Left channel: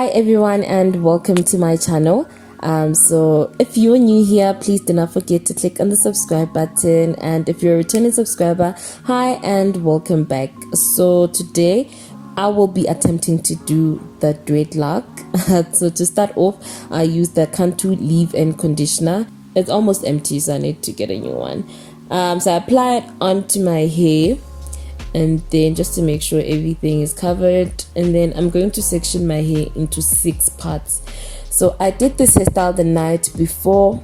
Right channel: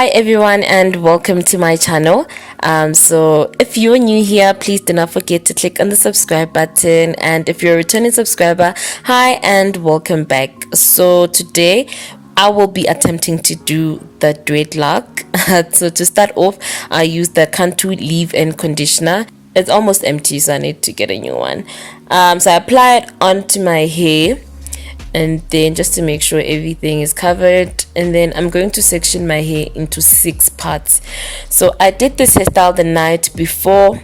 Hi everyone and welcome to my channel. So if you're new here, please do not forget to click on the subscribe button, and if you're a returning subscriber, hi and welcome back. So today I will be attempting to do the dreadlock. So to start off, I use the Cantu leave-in conditioner. It's almost empty, so I need to get a new one. So I apply it onto my hair, and then just to make sure everything is covered, and then I'm going to section my hair into 6 parts. So I did this hairstyle the night before.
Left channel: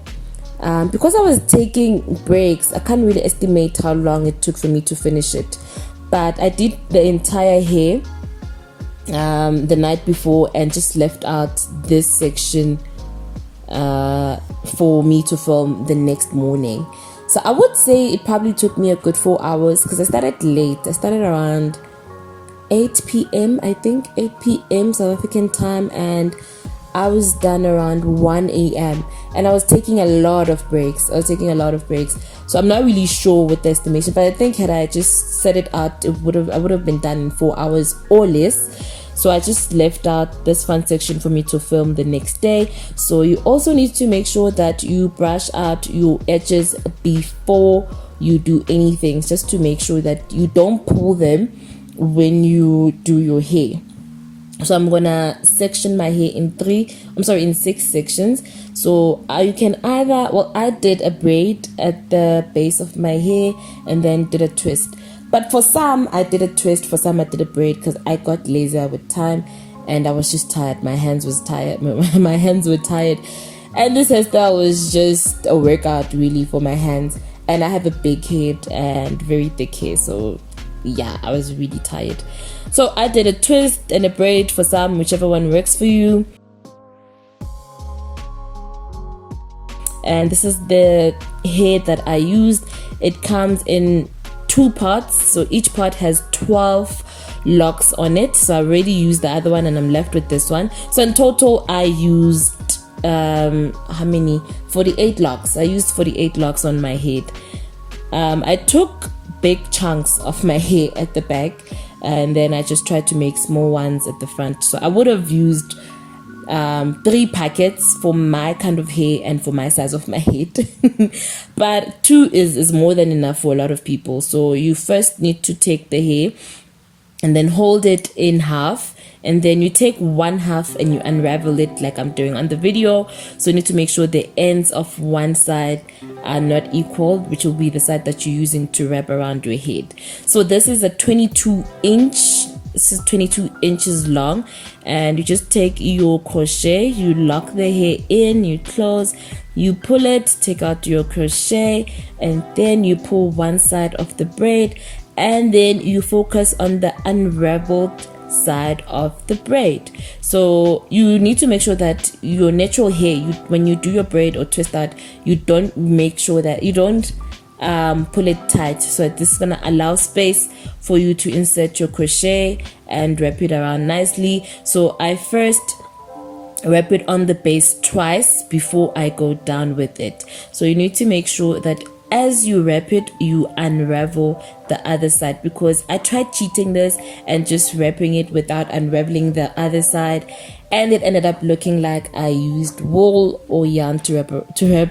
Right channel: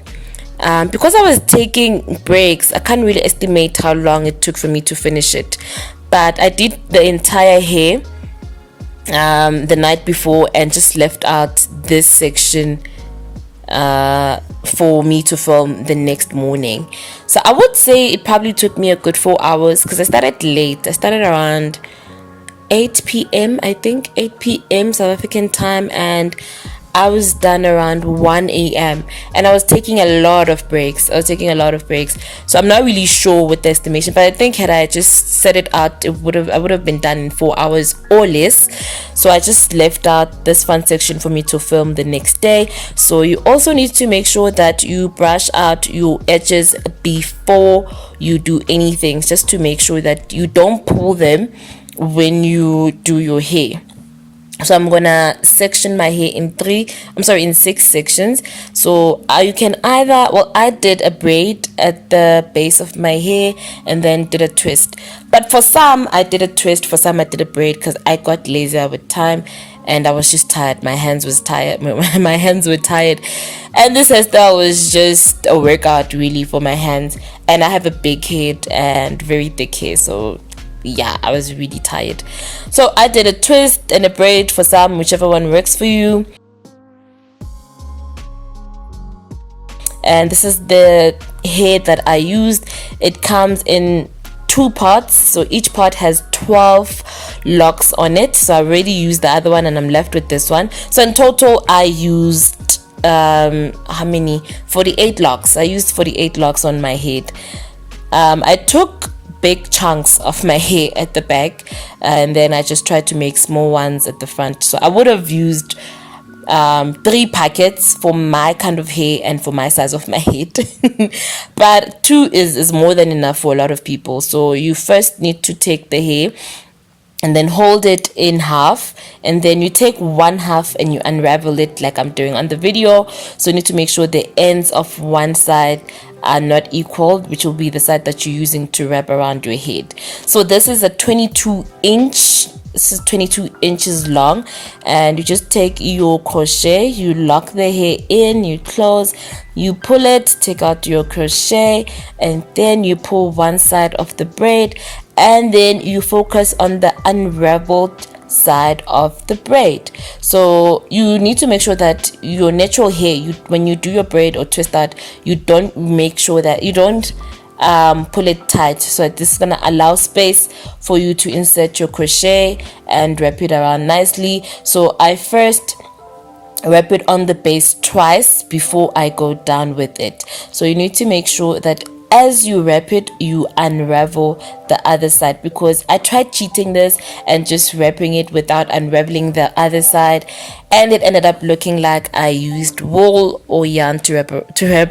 Because I was taking breaks, I can't really estimate how long it took for me to finish it, but I did the entire hair the night before and just left out this section for me to film the next morning. So I would say it probably took me a good 4 hours because I started late. I started around 8 p.m. I think 8 p.m. South African time, and I was done around 1 a.m. and I was taking a lot of breaks. So I'm not really sure with the estimation, but I think had I just set it out, I would have been done in 4 hours or less. So I just left out this fun section for me to film the next day. So you also need to make sure that you brush out your edges before you do anything, just to make sure that you don't pull them when you do your hair. So I'm gonna section my hair in 6 sections. So you can either, well, I did a braid at the base of my hair and then did a twist, but for some I did a twist, for some I did a braid because I got lazier with time and I was just tired. My hands were tired, and this hairstyle was just a workout really for my hands, and I have a big head and very thick hair, so yeah, I was really tired. So I did a twist and a braid for some, whichever one works for you. And this is the hair that I used. It comes in 2 parts, so each part has 12 locks on it. So I already used the other one and I'm left with this one. So in total I used how many? 48 locks. I used 48 locks on my head. I took big chunks of my hair at the back, and then I just tried to make small ones at the front. So I would have used 3 packets for my kind of hair and for my size of my head. But 2 is more than enough for a lot of people. So you first need to take the hair and then hold it in half, and then you take 1 half and you unravel it like I'm doing on the video. So you need to make sure the ends of one side are not equal, which will be the side that you're using to wrap around your head. So this is a 22 inches long, and you just take your crochet, you lock the hair in, you close, you pull it, take out your crochet, and then you pull one side of the braid, and then you focus on the unraveled side of the braid. So you need to make sure that your natural hair, when you do your braid or twist out, you don't pull it tight. So this is gonna allow space for you to insert your crochet and wrap it around nicely. So I first wrap it on the base twice before I go down with it. So you need to make sure that as you wrap it, you unravel the other side, because I tried cheating this and just wrapping it without unraveling the other side, and it ended up looking like I used wool or yarn to wrap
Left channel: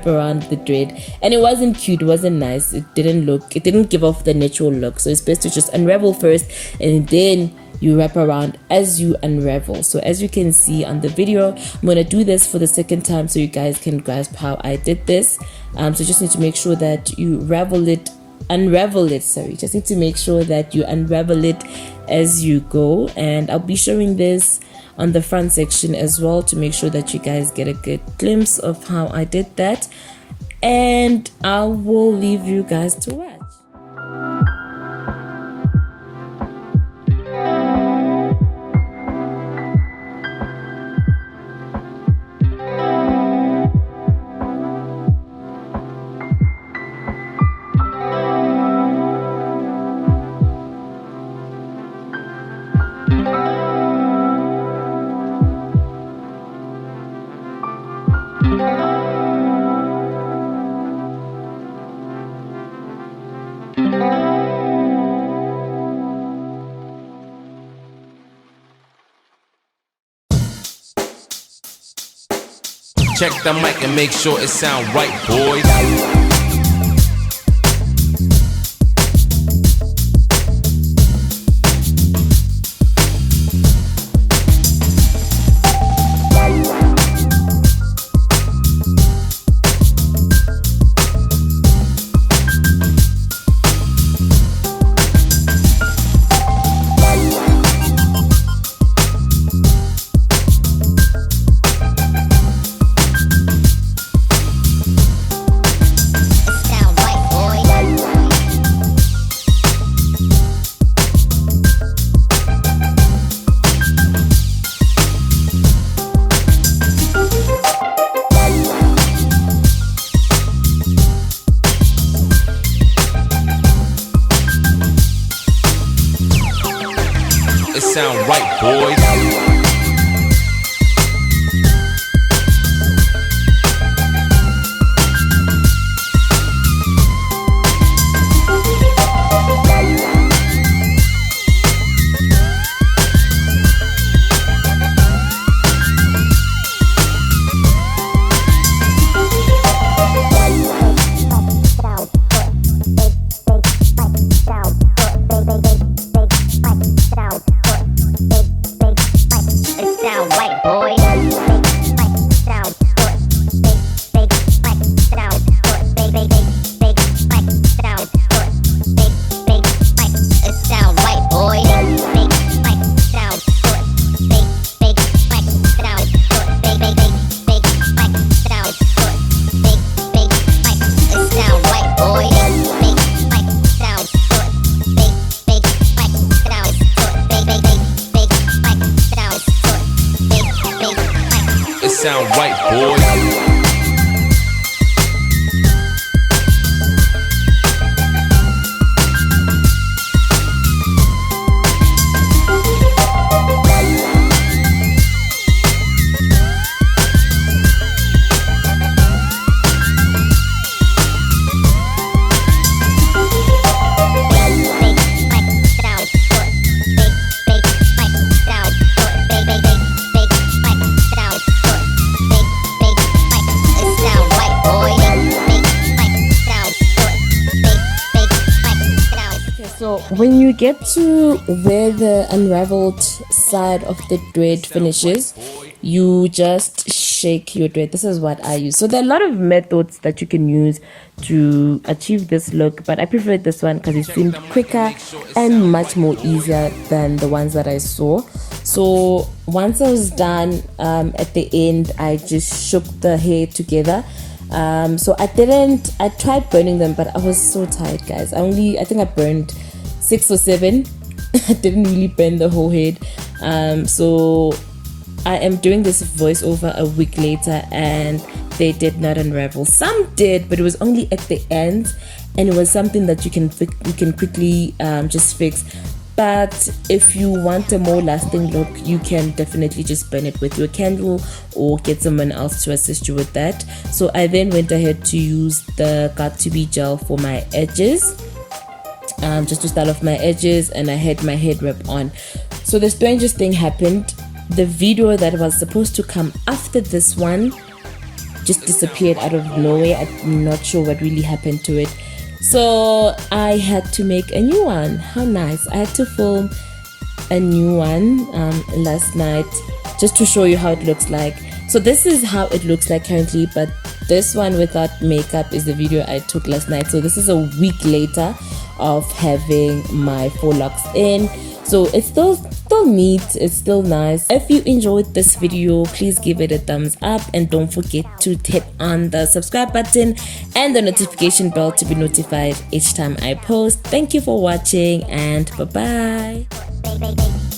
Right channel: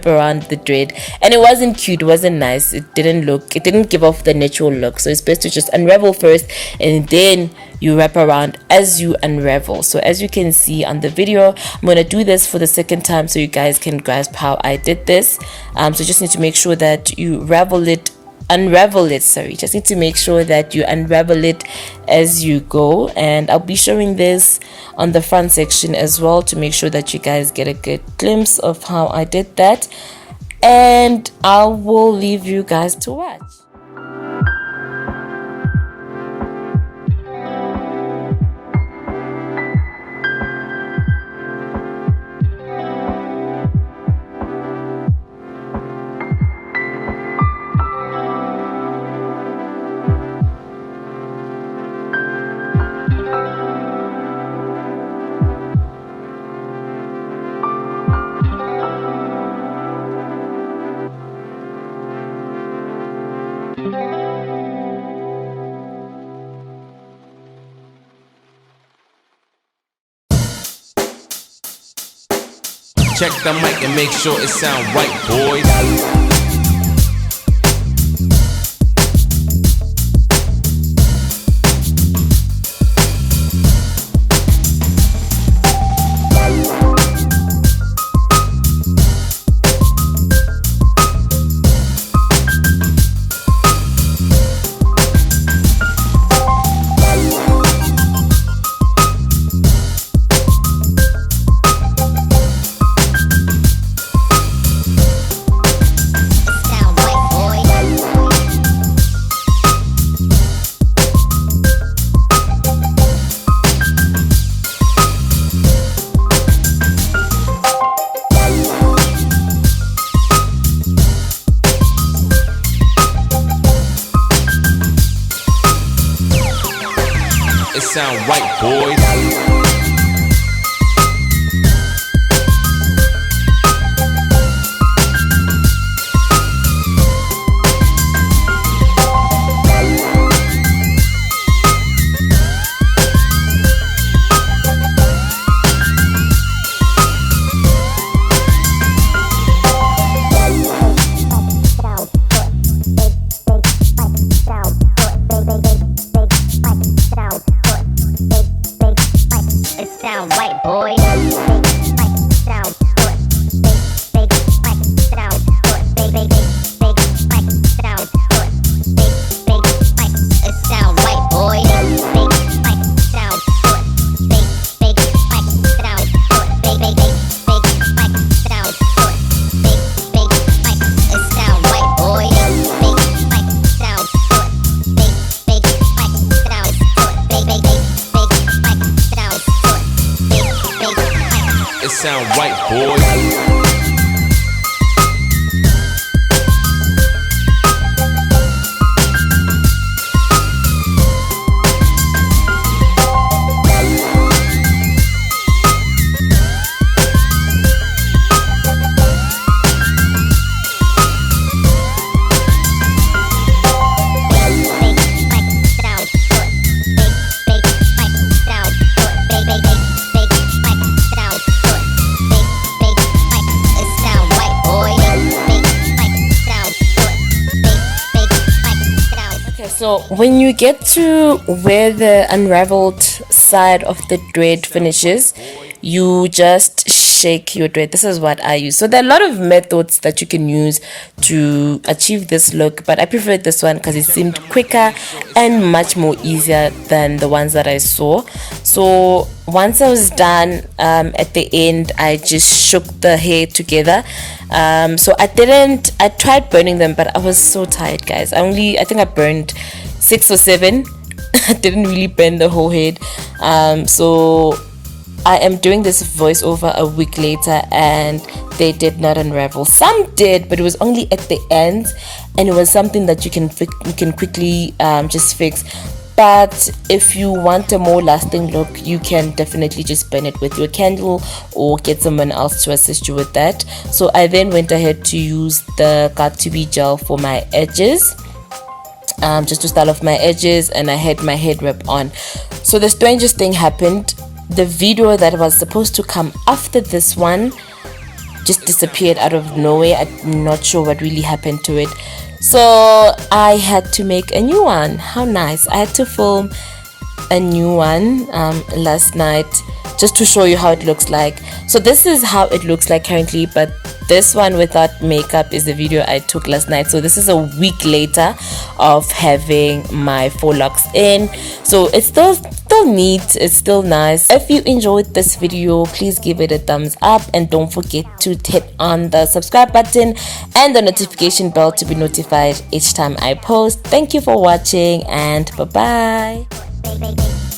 around the dread, and it wasn't cute, it wasn't nice, it didn't give off the natural look. So it's best to just unravel first and then you wrap around as you unravel. So as you can see on the video, I'm going to do this for the second time so you guys can grasp how I did this. So just need to make sure that you unravel it. Just need to make sure that you unravel it as you go, and I'll be showing this on the front section as well to make sure that you guys get a good glimpse of how I did that, and I will leave you guys to watch. Check the mic and make sure it sound right, boys. It sound right, boys. It sound right, boys. So when you get to where the unraveled side of the dread finishes, you just shake your dread. This is what I use. So there are a lot of methods that you can use to achieve this look, but I preferred this one because it seemed quicker and much more easier than the ones that I saw. So once I was done, at the end I just shook the hair together. So I tried burning them, but I was so tired, guys. I think I burned 6 or 7. I didn't really burn the whole head. So I am doing this voiceover a week later and they did not unravel. Some did, but it was only at the end, and it was something that you can quickly just fix. But if you want a more lasting look, you can definitely just burn it with your candle or get someone else to assist you with that. So I then went ahead to use the Got2b gel for my edges, just to style off my edges, and I had my head wrap on. So the strangest thing happened. The video that was supposed to come after this one just disappeared out of nowhere. I'm not sure what really happened to it. So I had to make a new one. How nice. I had to film a new one last night just to show you how it looks like. So this is how it looks like currently, but this one without makeup is the video I took last night. So this is a week later of having my 4 locks in. So it's still neat, it's still nice. If you enjoyed this video, please give it a thumbs up and don't forget to hit on the subscribe button and the notification bell to be notified each time I post. Thank you for watching, and bye bye.